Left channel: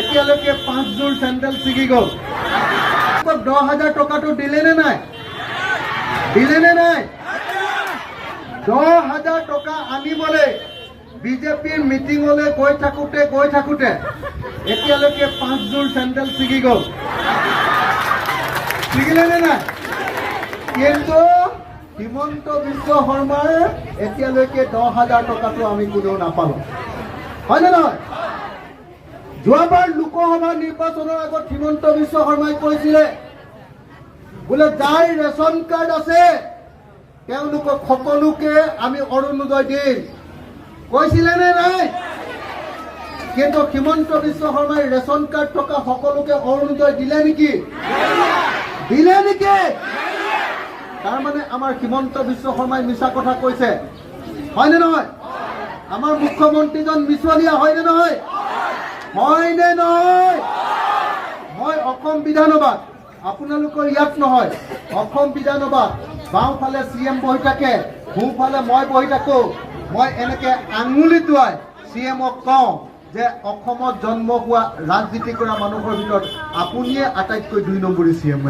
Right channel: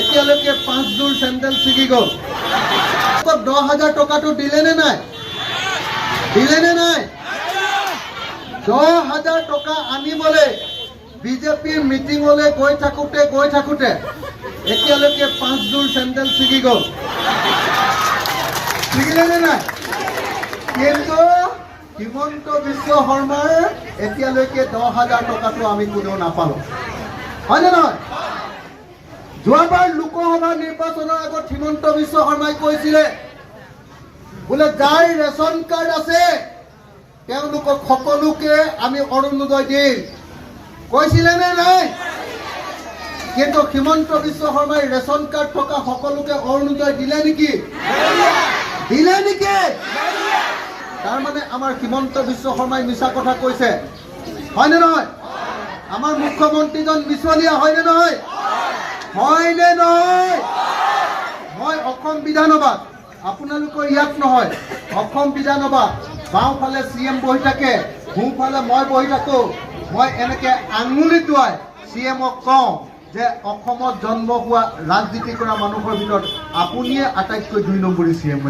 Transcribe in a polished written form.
এতিয়ালৈকে 5 জোৰ চেণ্ডেল ছিগি গ'ল। 10,000 টকাটো দিলে নে নাই? দিলে নে নাই? 10,000 টকা আনিবলৈ বিজেপিৰ মিটিঙলৈ গৈ থাকোঁতে এতিয়ালৈকে 5 জোৰ চেণ্ডেল ছিগি গ'ল। ছিগিলে নে নাই? কিন্তু হিমন্ত বিশ্ব শৰ্মাৰ এতিয়ালৈকে 10,000 টকাটো আমি কোনেও নাপালোঁ। হয়নে নহয়? যোৱাবাৰ লোকসভা নিৰ্বাচনৰ আগত হিমন্ত বিশ্ব শৰ্মাই কৈছিলে বোলে যাৰ ৰেচন কাৰ্ড আছে তেওঁলোকক সকলোকে আমি অৰুণোদয় দিম। কৈছিলে নে নাই? কিন্তু হিমন্ত বিশ্ব শৰ্মাই ৰেচন কাৰ্ড থকা সকলোকে অৰুণোদয় দিলে নেকি? দিলে নেকি? তাৰমানে আমাৰ হিমন্ত বিশ্ব শৰ্মাই মিছা কথা কৈছে। হয়নে নহয়? আমাৰ মুখ্যমন্ত্ৰীজন মিছলীয়া হয়নে নহয়? হয়নে নহয়? মই অসম বিধানসভাত, আপোনালোকৰ ইয়াত নহয়, অসম বিধানসভাত বাওঁফালে CM বহি থাকে, সোঁফালে মই বহি থাকোঁ। মই এনেকে আঙুলি টোৱাই CMক কওঁ যে অসমত জন্ম হোৱা ৰাজনীতি কৰা মানুহৰ ভিতৰত আপুনিয়ে আটাইতকৈ 2 নম্বৰী CM।